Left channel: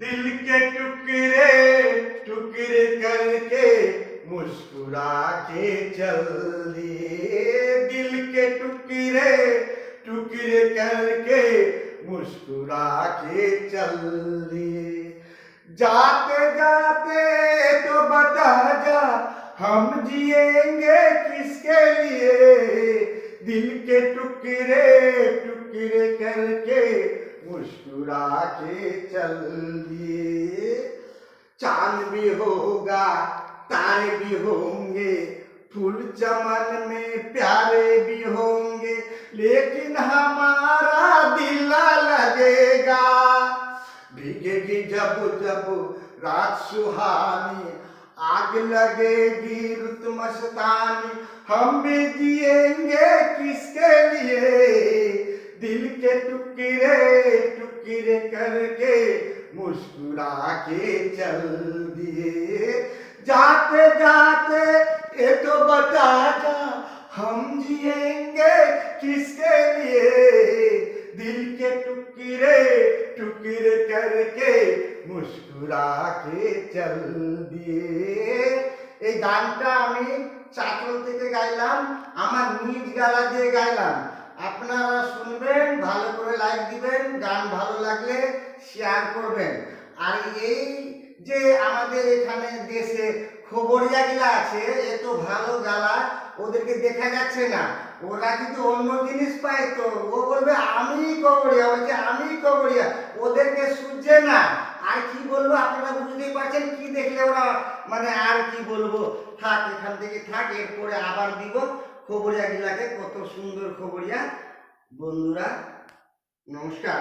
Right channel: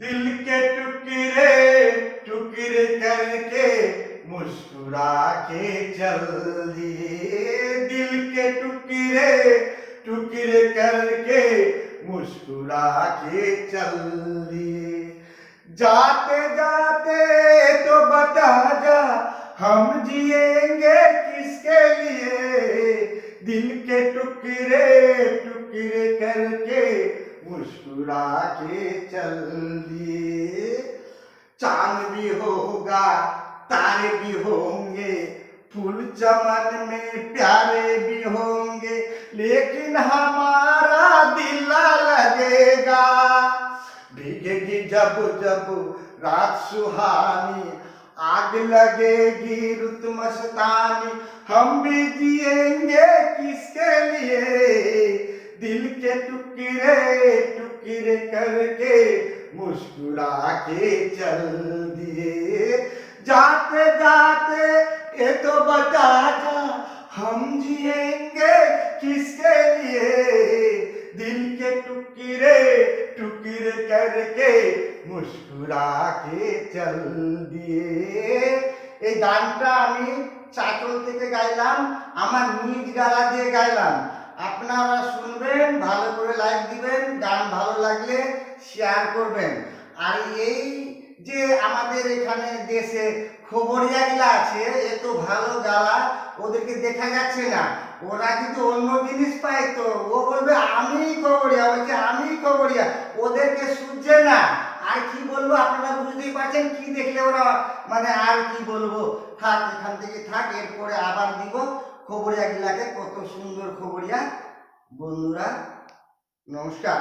दिल के टुकड़े टुकड़े करके मुस्कुरा के चल दिए। दिल के टुकड़े टुकड़े करके मुस्कुरा के चल दिए। जाते जाते तो बता जा हम जिएंगे किसके लिए। दिल के टुकड़े टुकड़े करके मुस्कुरा के चल दिए। चांद भी होगा तारे भी होंगे, फूल चमन में प्यारे भी होंगे, लेकिन हमारा दिल लगेगा। भीगेगी जब जब रात सुहानी, आग लगेगी रुत मस्तानी, हम भी जिएंगे किसके लिए। दिल के टुकड़े टुकड़े करके मुस्कुरा के चल दिए। जाते जाते ये तो बता जा हम जिएंगे किसके लिए। दिल के टुकड़े टुकड़े करके मुस्कुरा के चल दिए। এই গানটা আমি চাঁচল থেকে গাইলাম, আমার নিজ গলা দিয়ে গাইলাম। আপনারা শুনবেন, ভালো করে লাইক দিবেন, গান ভালো লাগলে শেয়ার করবেন। আর এই যে আমাদের এখানে দেশে খবরিয়াগুলা আছে, এত ভালো গালা, ওদেরকে দেখা যাচ্ছে না। ওরা কিন্তু অন্য জিনিস পায়, তো ও বলবে আমি খবরিয়া, বলছে আমি খবরিয়া, ওদেরকে শুনছে না। আর কি বলবো, আপনারা বুঝতেই পারছেন, কি দেখলে ওরা মানে আর কি বলবো। থাক, এখান থেকে থাক, এরপরে আবার দিব খবরিয়া গিলাকে, কত সুন্দর খবরিয়া। বন্ধুরা নমস্কার।